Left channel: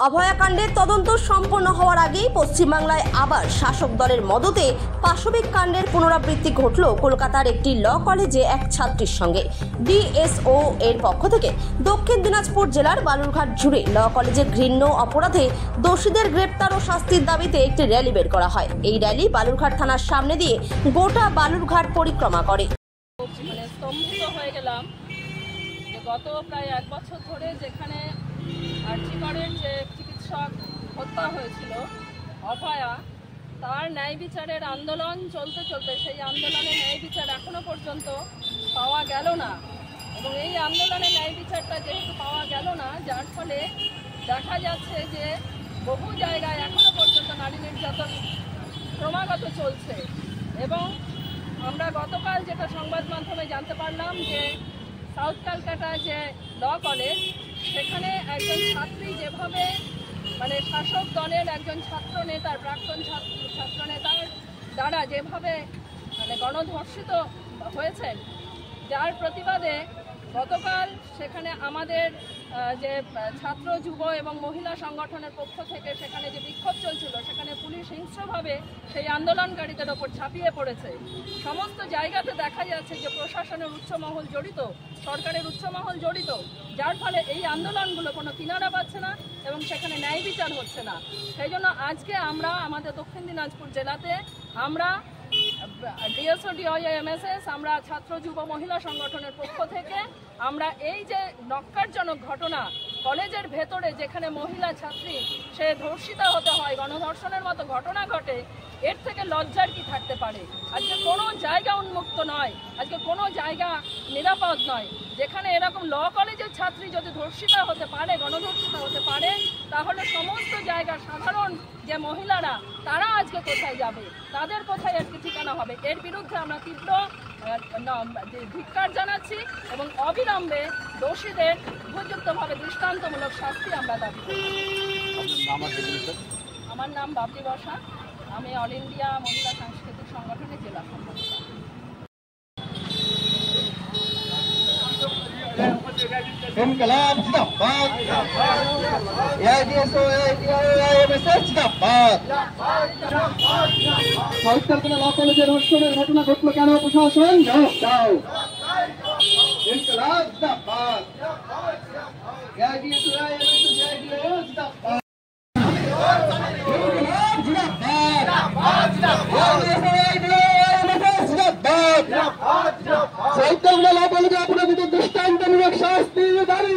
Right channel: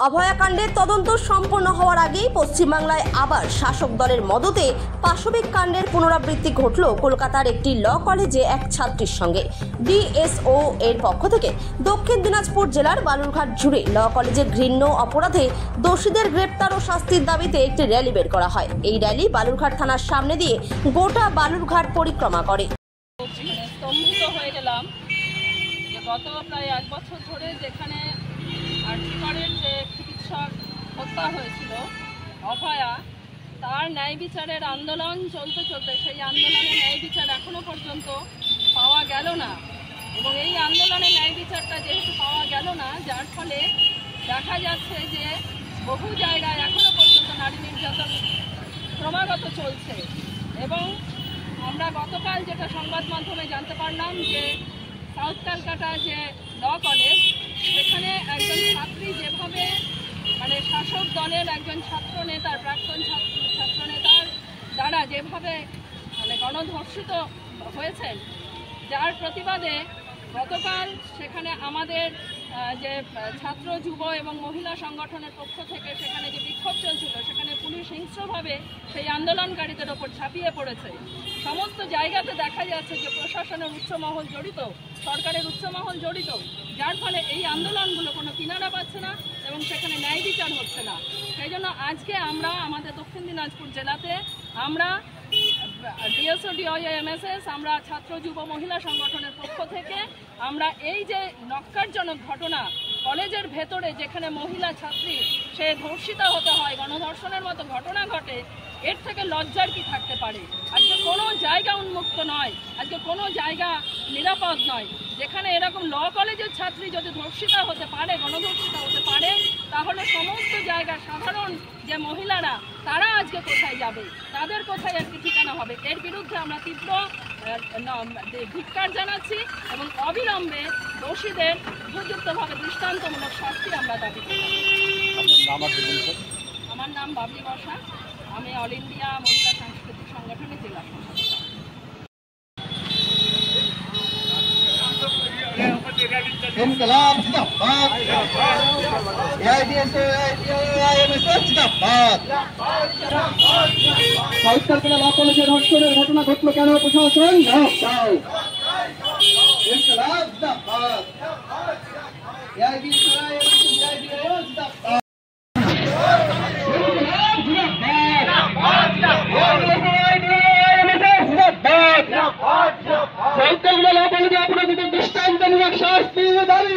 অভয়াকাণ্ডের তদন্ত সম্পন্ন হওয়ার আগেই পশ্চিমবাংলায় আবার শাসক দলের মদতে পাশবিক কাণ্ডের পুনরাবৃত্তি ঘটল কলকাতার একটি ল কলেজে এক ছাত্রীর সঙ্গে। ডিএসও এর পক্ষ থেকে দক্ষিণ দিনাজপুর জেলার বালুরঘাট জুড়ে ল কলেজের ঘৃণ্য অপরাধে দোষীদের গ্রেপ্তার ও শাস্তির দাবিতে একটি র্যালি বের করা হয়। এই র্যালি বালুরঘাট থানার সামনে দিয়ে গোটা বালুরঘাট পরিক্রমা করে। স্তম্ভিত হয়ে গেলাম। গত প্রায় 1 বছর ধরে যেখানে আর্থিকরের যে চিকিৎসক হত্যা হয়েছিল অভয়া, তার ন্যায় বিচারের আন্দোলন চলতে চলতে সেই আন্দোলনে ন্যায় বিচার এখনো পর্যন্ত পাওয়া গেল না। এবং এই আন্দোলনে ন্যায় বিচারটা যেহেতু পাওয়া গেল না, যার ফলে দেখা যাচ্ছে যে বহু জায়গায় এখনো পর্যন্ত নারী নির্যাতন ক্রমাগত চলছে। এবং আমরা গতকাল যেটা সংবাদ মাধ্যমে জানতে পারলাম যে সাউথ ক্যালকাটা যে ল কলেজ, সেখানে একজন ছাত্রী যেভাবে শাসক দলের একজন ছাত্রনেতার প্রাক্তন ছাত্রনেতার দ্বারা যেভাবে গণধর্ষিত হয়েছেন, যার প্রতিবাদে গতকাল সেখানে আমাদের যে ছাত্র যুব এবং মহিলা সংগঠনের পক্ষ থেকে সেখানে যে বিক্ষোভ চলছিল, সেখানে পুলিশ হিংস্রভাবে সেই আন্দোলনকারীদের ওপর ঝাঁপিয়ে পড়েছে। সমস্ত জায়গাতে দেখা যাচ্ছে যে প্রশাসনের উচ্চমহল জড়িত, সরকারের উচ্চমহল জড়িত, যার ফলে এই আন্দোলনগুলো কোনো কিনারা পাচ্ছে না এবং সেখানে ন্যায় বিচার হচ্ছে না। সেই জন্য আজকে আমরা আমাদের দক্ষিণ দিনাজপুর জেলাতে আমরা ডিএসও ডিওএমএসএস আমরা ছাত্র যুব মহিলা সংগঠনের পক্ষ থেকে আমরা এই যে নক্কারজনক ঘটনা কলেজের ভেতরে যেখানে মহিলা ছাত্রী সে ধর্ষিতা হতে হয়, গণধর্ষণের মতো ঘটনা ঘটে, এর থেকে লজ্জার কি থাকতে পারে? আজকে কোনো জায়গা উন্মুক্ত নয়, আজকে কোনো জায়গা নিরাপদ নয়। যেখানে এরকম ল কলেজের ছাত্রী যদি ধর্ষিতা হতে পারে, গণধর্ষিতা হতে পারে, তাহলে সমস্ত জায়গার সাধারণ যে মহিলারা তারা আজকে কোথায় যাবে, তাদের কোথায় আজকে ঠিকানা হবে? এর বিরুদ্ধে আমরা তীব্র ধিক্কার জানাচ্ছি এবং অবিলম্বে দোষীদের উপযুক্তভাবে দৃষ্টান্তমূলক শাস্তি আমরা দাবি করি। আমার নাম বাবলি বসা, আমি অল ইন্ডিয়া মহিলা সাংস্কৃতিক সংগঠনের জেলা সম্পাদিকা। इनकलाब जिंदाबाद, एआईडीएसओ एआईएमएसएस जिंदाबाद। साउथ कैलकाटा ল কলেজের ধর্ষণের ঘটনা ঘটলো কেন? প্রশাসন জবাব দাও। इनकलाब जिंदाबाद, एआईडीएसओ एआईएमएसएस जिंदाबाद। इनकलाब जिंदाबाद, एआईडीएसओ जिंदाबाद। साउथ कैलकाटा ল কলেজে अपराधীদের দৃষ্টান্তমূলক শাস্তি দাবি।